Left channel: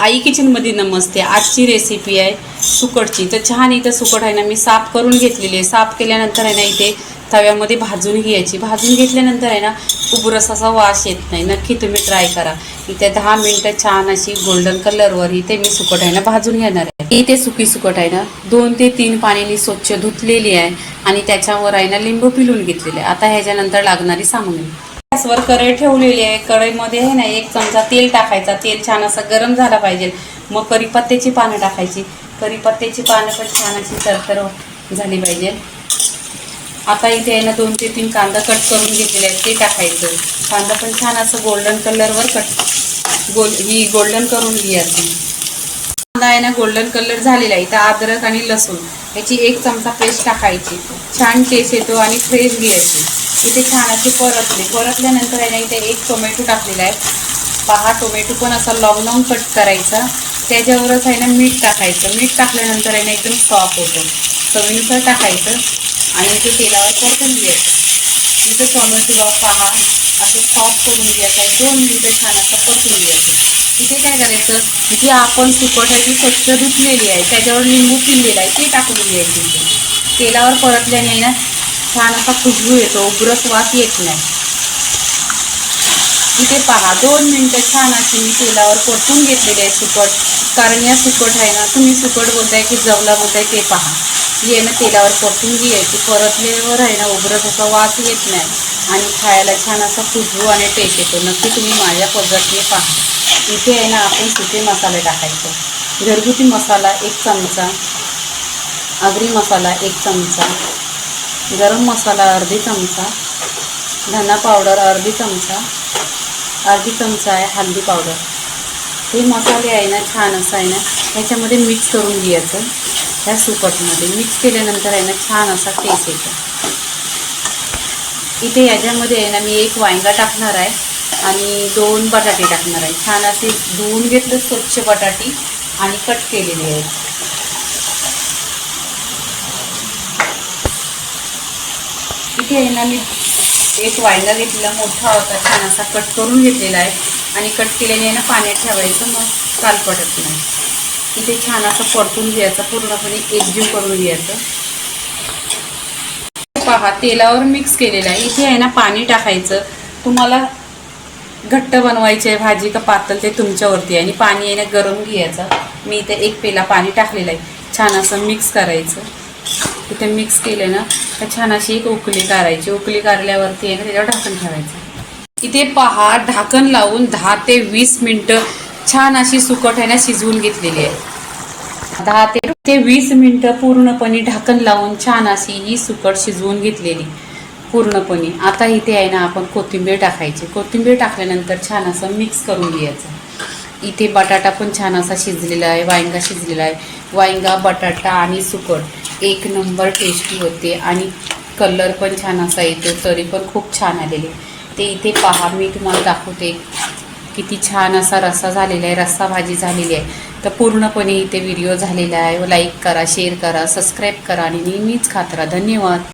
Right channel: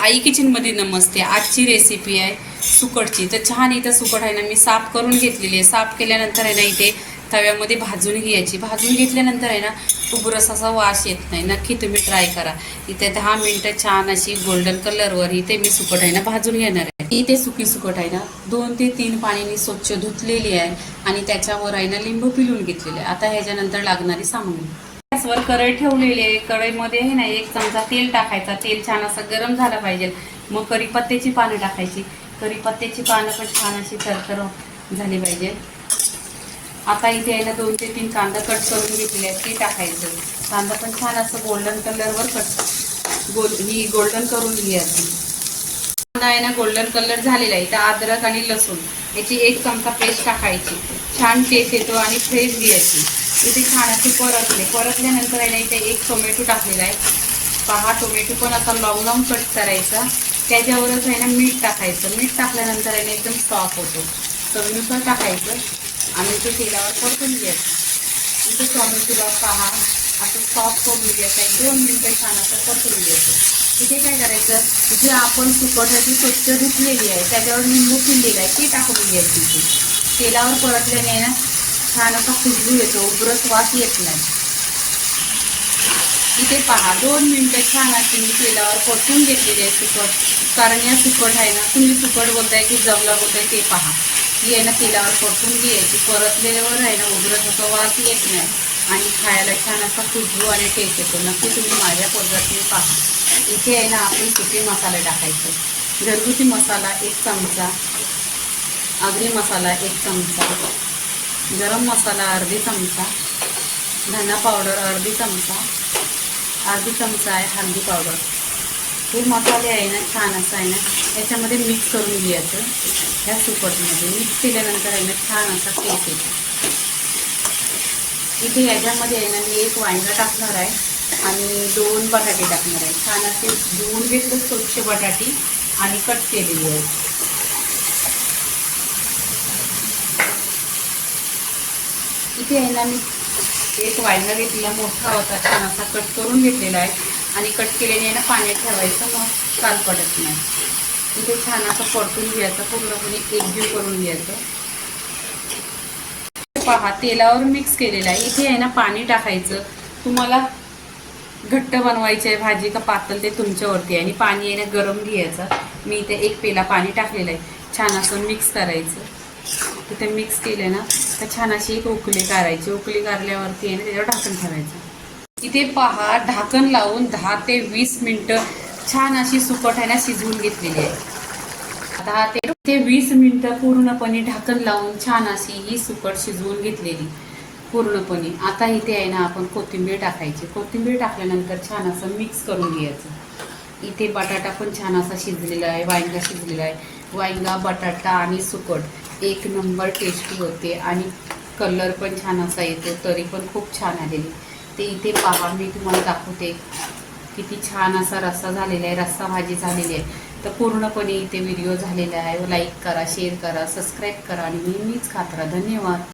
आई किचनमध्ये नमस्ते। आजची रेसिपी आहे सुकटची। तर छान इथं सुकट आहे ना मी साफ करून घेतलेली आहे। साफ केल्यानंतर आहे ना इथे तव्यामध्ये भाजून घ्यायची। भाजून घेतल्यानंतर आहे ना उबरस असा वास येत नाही। नक्की तुम्ही ट्राय करा। इथे 10 मिनिटं छान अशी गोल्डन कलरवर इथे मी सुकट आहे ना भाजून घेणार आहे। इथे सुकी सुकट आहे ना 2 ते 3 पाण्याने स्वच्छ धुतलेली आहे आणि त्याच्यावर आहे ना लिंबू पिळून घेतलेले आहे। आता ह्याच्यानंतर लागणारी सामग्री, गॅसवर कढई ठेवलेली आहे। कढईमध्ये आहे ना 1 चमचा तेल टाकायचा। तेल छान असं गरम झाला पाहिजे। मग कढीपत्त्याची पानं टाकायची। कढीपत्त्याची पानं पण छान अशी तरतर झाली पाहिजे। आता इथे आहे ना 2 ते 3 कांदा कट करून घेतलेले आहेत ते टाकायचं। कांदा पण छान असं गोल्डन कलरवर गोल्डन करून घ्यायचं। कांदा आहे ना गोल्डन कलर झालेला आहे। इथं अद्रक आणि लसूण याची 1 चमचा पेस्ट टाकायची। छान टेस्ट येतो आणि फ्रेश घ्यायची। इथे छान असे परतल्यानंतर आहे ना इथे 1 टोमॅटो टाकलेला आहे। पहा टोमॅटो पण असा लॉंग लॉंग कट करायचा। त्याच्यावरच आहे ना मीठ टाकायचं। मीठ टाकल्यानंतर आहे ना एकदम सॉफ्ट होतो। चवीनुसार टाकायचं आणि इथे तेलावर परतून घ्यायचं। इथे टोमॅटो पहा असं सॉफ्ट करून घ्यायचं आहे। 2 मिनिटं छान असं परतून घ्यायचं। इथे काय करायचं, जी आपण सुकट आहे ती स्वच्छ धुतलेली आहे त्याच्यावर लिंबू पिळलेला आहे ते टाकून घ्यायची। इथे तेलावर परतल्याने आहे ना छान असा खुशबू येतो, उग्रस वास येत नाही। इथे पहा 2 मिनिटं छान अशी मी तेलावर परतून घेतलेली आहे सुकट। कारण या सुकट आहे ना, तुम्ही सुकट बोलताय की जवला बोलताय ते पहा, ही आहे ना तेलावर परतून घ्यायची। परतल्यावर आहे ना उग्रस असा वास येत नाही आणि खायला छान असा खुशबू आणि टेस्ट येतो। नक्की तुम्ही माझ्या पद्धतीने पहा। इथे आहे ना आपण सुके मसाले टाकायचे। घरगुती मसाला 1 चमचा, आगरी मसाला 1 चमचा, गरम मसाला अर्धी चमचा, धना पावडर अर्धी चमचा, अर्धी चमचा आहे हळदी पावडर। हे मसाले आहे ना छान असं आहे ना ह्याच्यामध्ये मिक्स करून घ्यायचं। ह्या सुकटमध्ये मिक्स केल्यानंतर आहे ना छान असा टेस्ट येतो। इथे याच्यामध्ये आहे ना मी 1 वांगा टाकणार आहे आणि 2 बटाटे टाकणार आहे। छान असे धुवून घेतलं स्वच्छ बटाटी आणि कट केलेली आहेत। इथे आहे ना मी 1 वांगा घेतलेला मोठा होता, छान असा कट करून घेतलेला आहे आणि कट केल्याने आहे ना पाण्यात ठेवायचं, मग काल पडत नाही। इथे छान असं परतून घ्यायचं, पूर्णपणे एकजीव करून घ्यायचं। पहा तेलावर मिक्स केलेलं आहे। इथे आहे ना पाणी टाकायचं। तुम्हाला घट्ट बनवायची आहे भाजी का पातळ ते तुमच्यावरती आहे। आणि पाणी आहे ना गरम घ्यायचं। मी इथे 1 पेला पाणी टाकलेलं आहे। छान असं मिक्स करायचं। इथे मिक्स केलं ना तर छान अशी एक उकळी काढायची। उकळी काढल्यावरती आहे ना त्याच्यावर ढाकण ठेवायचं। इथे पहा ढाकण लावून 10 ते 20 मिनिटं छान अशी सुकट आहे ना शिजवून घेतलेली आहे। 10 ते 20 मिनिटं पूर्णपणे ढाकण लावून छान अशी ही सुकट शिजवून घेतलेली पूर्णपणे। आता इथे आहे ना आपण कोथिंबीर टाकायची। कोथिंबीर टाकल्यानंतर छान असं मिक्स करून घ्यायचं। इथे बटाटा पण छान असा शिजलेला आहे, वांगा शिजलेला आहे। वांगा, बटाटा आणि सुकट 1 नंबर टेस्टी होते आणि कलर पण छान असा येतो, तरी पण खूप छान आलेले। ते इथे पहा मी तुम्हाला दाखवते किती छान असा रस्सा झालेला आहे, रस्सा भाजी झालेली आहे। तर पूर्णपणे इथे व्हिडिओ झालेला आहे। लाईक करा, शेअर करा, सबस्क्राईब करा आणि नेहमीच खात राहा। धन्यवाद।